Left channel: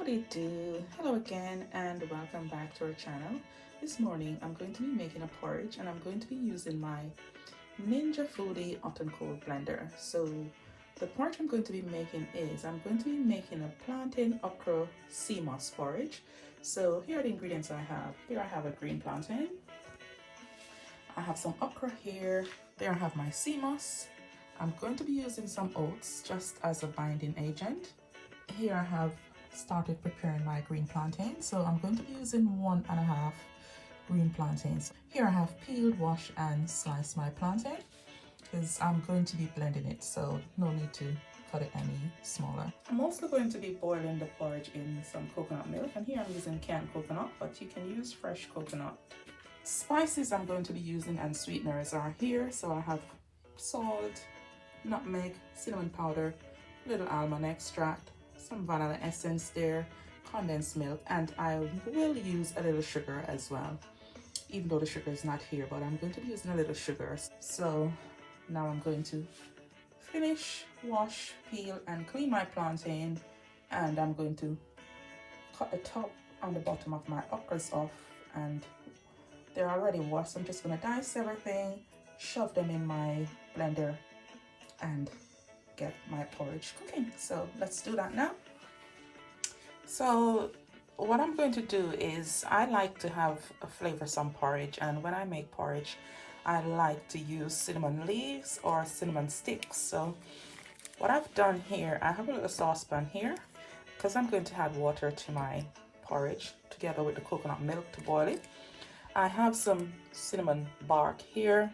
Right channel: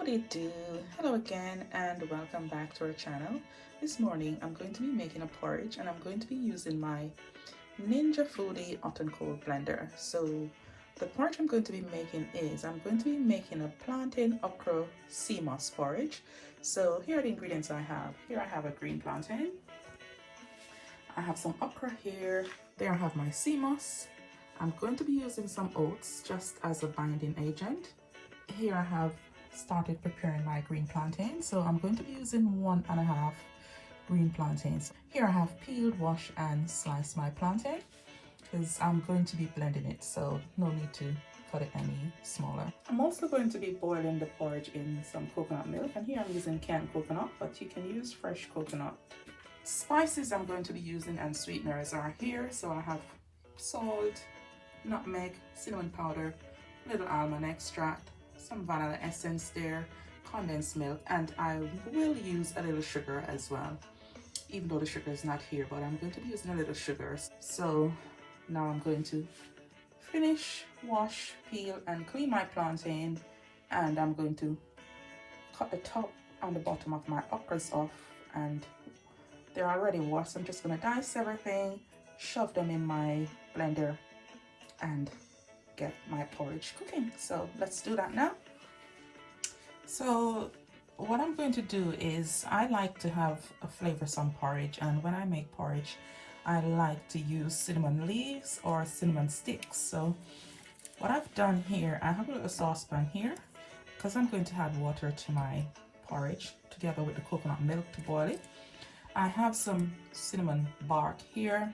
Howdy do. Hello again and welcome back to our channel. This morning I'm going to be making a porridge and I'm going to be using my Ninja Foodi hot and cold blender. So the porridge I'm going to be making is I'm going to be making a plantain okra sea moss porridge. So here are the ingredients I have. Here I have a green plantain. I have some okra here. There I have my sea moss. I'm going to be using some oats just as a binding agent. Here I have started preparing my green plantain, so I'm going to be using 1.5 green plantains. Here I have peeled, washed and sliced my plantain because I'm going to be blending it, so no need to cut it any smaller. I'm also going to be boiling the porridge in some coconut milk, and here I'm using canned coconut, but you can use fresh coconut. Spices I'm going to be using and sweeteners are here, so I have salt, nutmeg, cinnamon powder, little almond extract, some vanilla essence there, condensed milk, and I will use a little sugar as well, even though the sugar is not here, but I'm going to be using a little sugar. So now I'm going to finish, wash, peel and clean my plantain, and I'm going to cut the top and the bottom of my okras off, and they're already washed. I'm just going to dice everything, shove them in my blender and get my porridge cooking. So let's do that now. So what I'm going to do is I like to have a flavorsome porridge, and when I make porridge I like to use cinnamon leaves or cinnamon sticks. So what I've done here, I have a little saucepan here because I'm going to add water to my porridge together with the coconut milk to boil it. I have some cinnamon bark here,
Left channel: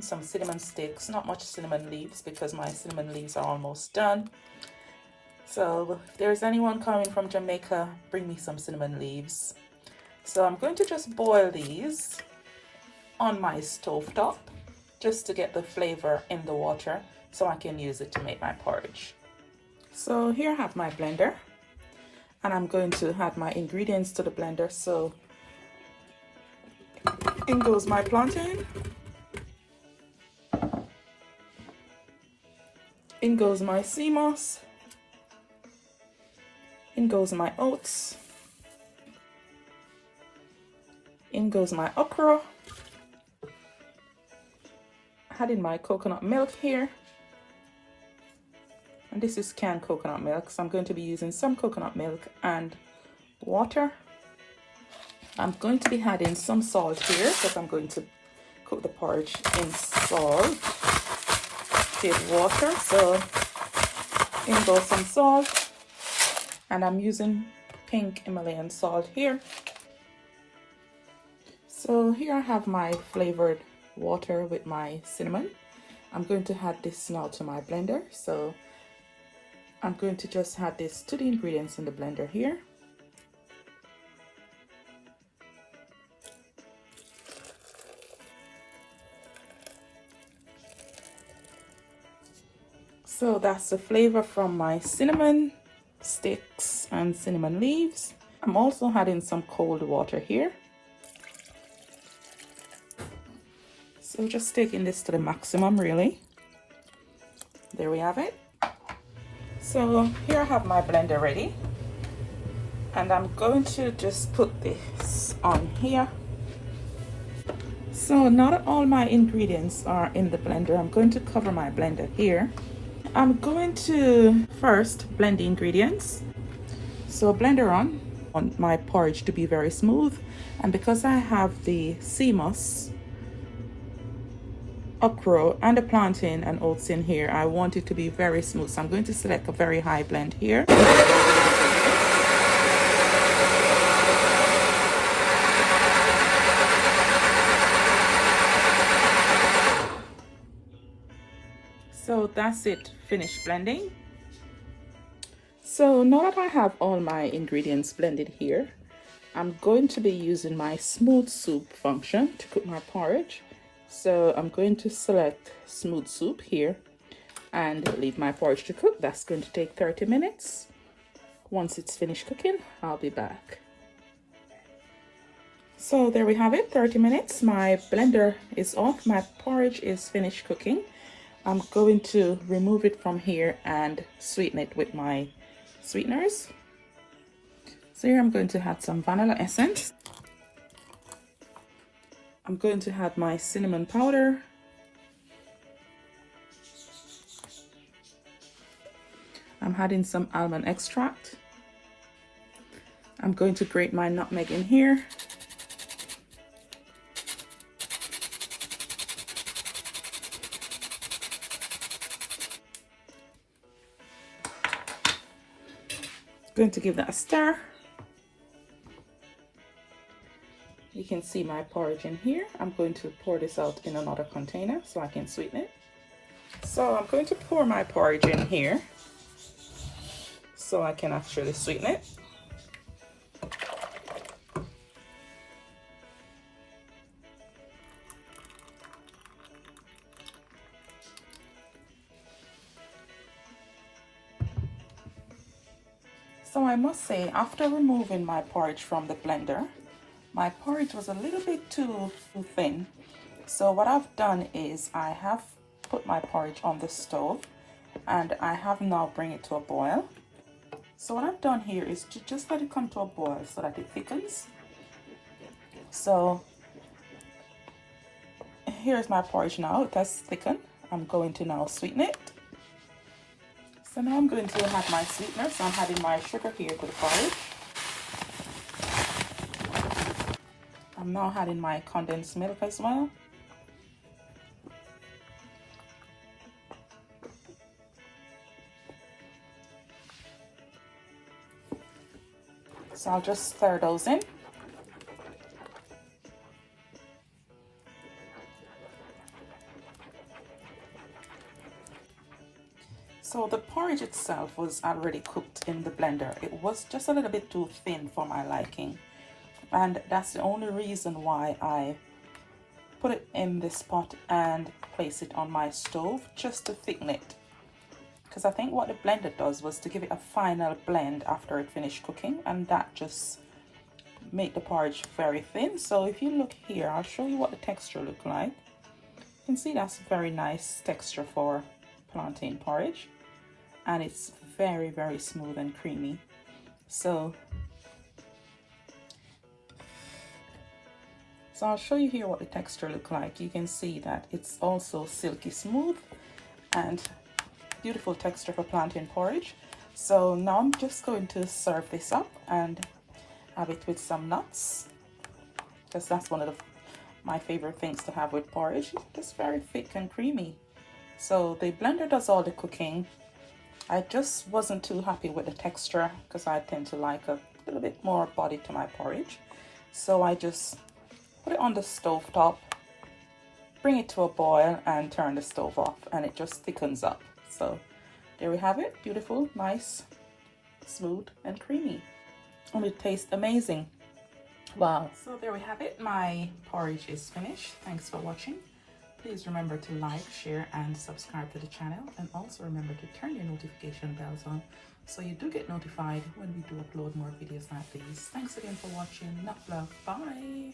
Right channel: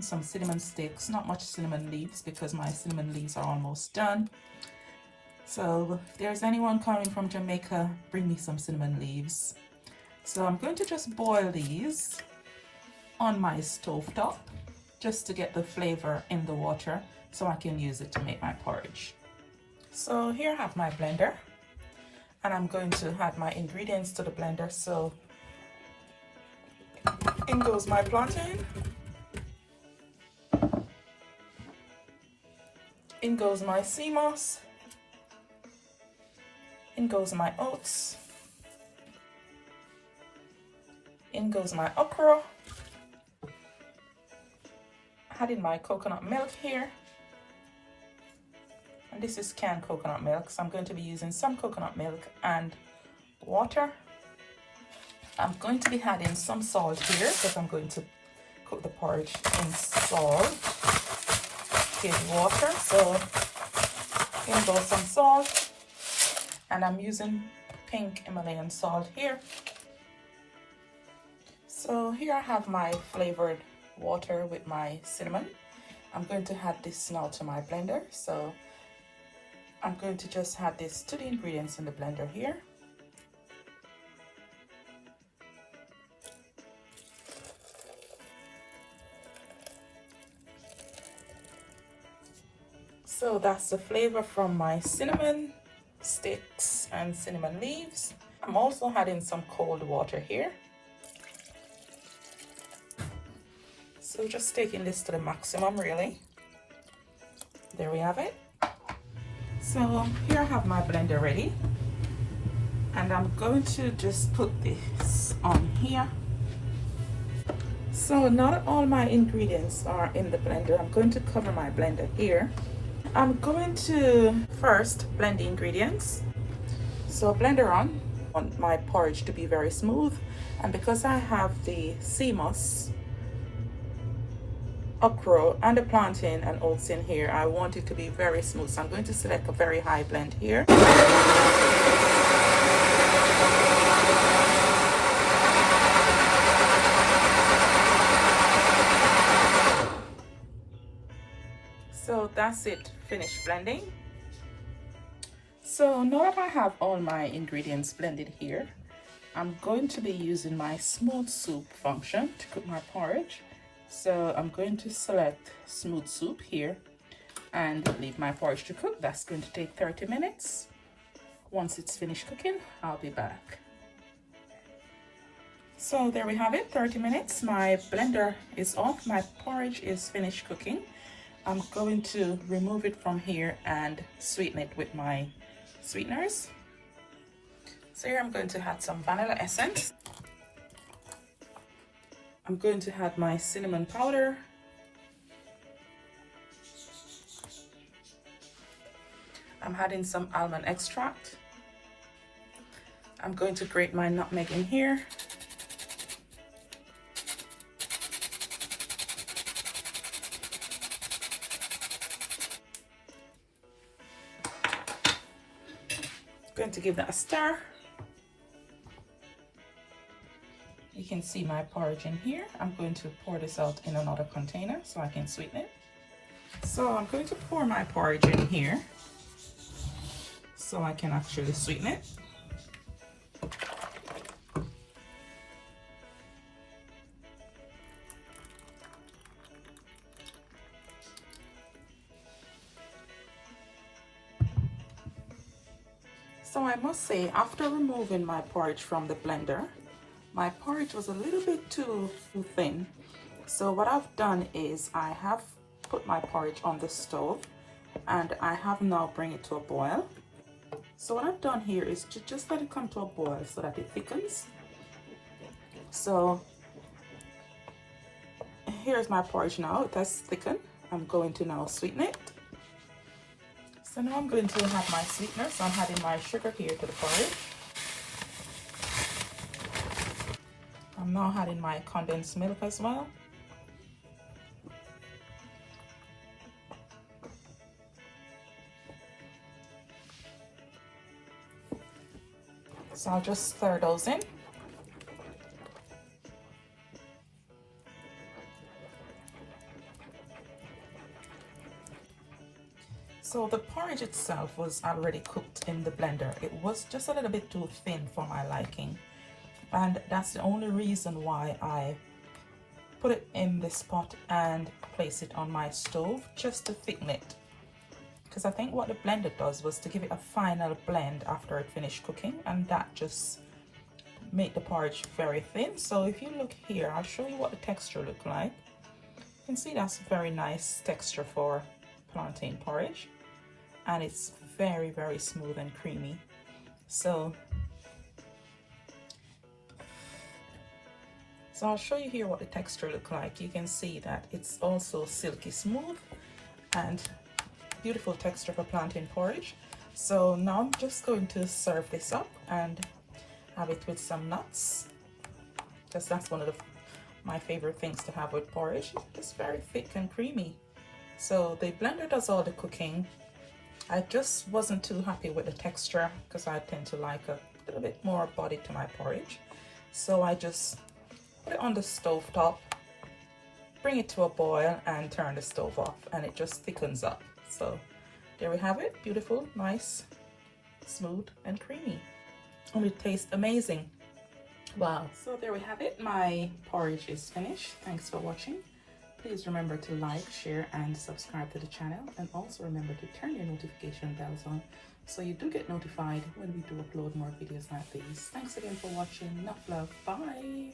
some cinnamon sticks, not much cinnamon leaves because my cinnamon leaves are almost done. So if there's anyone coming from Jamaica, bring me some cinnamon leaves. So I'm going to just boil these on my stove top just to get the flavor in the water so I can use it to make my porridge. So here I have my blender and I'm going to add my ingredients to the blender. So in goes my plantain. In goes my sea moss. In goes my oats. In goes my okra. Add in my coconut milk here. And this is canned coconut milk, so I'm going to be using some coconut milk and water. I'm going to be adding some salt here because I'm going to cook the porridge in salt. With water, so in goes some salt, and I'm using pink Himalayan salt here. So here I have my flavored water with my cinnamon. I'm going to add this now to my blender, so I'm going to just add this to the ingredients in the blender here. So that's the flavor from my cinnamon sticks and cinnamon leaves. I'm also adding some cold water here. So just taking this to the maximum really. There we have it. So here I have my blender ready. And I'm going to just put this on here. So now that all my ingredients are in the blender, I'm going to cover my blender here. I'm going to first blend the ingredients. So blender on. I want my porridge to be very smooth, and because I have the sea moss, okra and the plantain and oats in here, I want it to be very smooth. So I'm going to select a very high blend here. So that's it, finished blending. So now that I have all my ingredients blended here, I'm going to be using my smooth soup function to cook my porridge. So I'm going to select smooth soup here and leave my porridge to cook. That's going to take 30 minutes. Once it's finished cooking, I'll be back. So there we have it, 30 minutes. My blender is off, my porridge is finished cooking. I'm going to remove it from here and sweeten it with my sweeteners. So here I'm going to add some vanilla essence. I'm going to add my cinnamon powder. I'm adding some almond extract. I'm going to grate my nutmeg in here. Going to give that a stir. You can see my porridge in here. I'm going to pour this out in another container so I can sweeten it. So I'm going to pour my porridge in here so I can actually sweeten it. So I must say, after removing my porridge from the blender, my porridge was a little bit too thin. So what I've done is I have put my porridge on the stove and I have now bring it to a boil. So what I've done here is to just let it come to a boil so that it thickens. So here's my porridge now. It has thickened. I'm going to now sweeten it. So now I'm going to have my sweetener. So I'm adding my sugar here to the porridge. I'm now adding my condensed milk as well. So I'll just stir those in. So the porridge itself was already cooked in the blender. It was just a little bit too thin for my liking. And that's the only reason why I put it in this pot and place it on my stove, just to thicken it. Because I think what the blender does was to give it a final blend after it finished cooking, and that just made the porridge very thin. So if you look here, I'll show you what the texture looks like. You can see that's a very nice texture for plantain porridge, and it's very, very smooth and creamy. So I'll show you here what the texture looks like. You can see that it's also silky smooth and beautiful texture for plantain porridge. So now I'm just going to serve this up and have it with some nuts, because that's one of my favorite things to have with porridge. It's very thick and creamy. So the blender does all the cooking. I just wasn't too happy with the texture because I tend to like a little bit more body to my porridge. So I just put it on the stove top, bring it to a boil and turn the stove off, and it just thickens up. So there we have it, beautiful, nice, smooth and creamy. And it tastes amazing. Wow. So there we have it, my porridge is finished. Thanks for watching. Please remember to like, share and subscribe to the channel, and also remember to turn your notification bells on so you do get notified when we do upload more videos like these. Thanks again for watching. Nuff Love. Bye.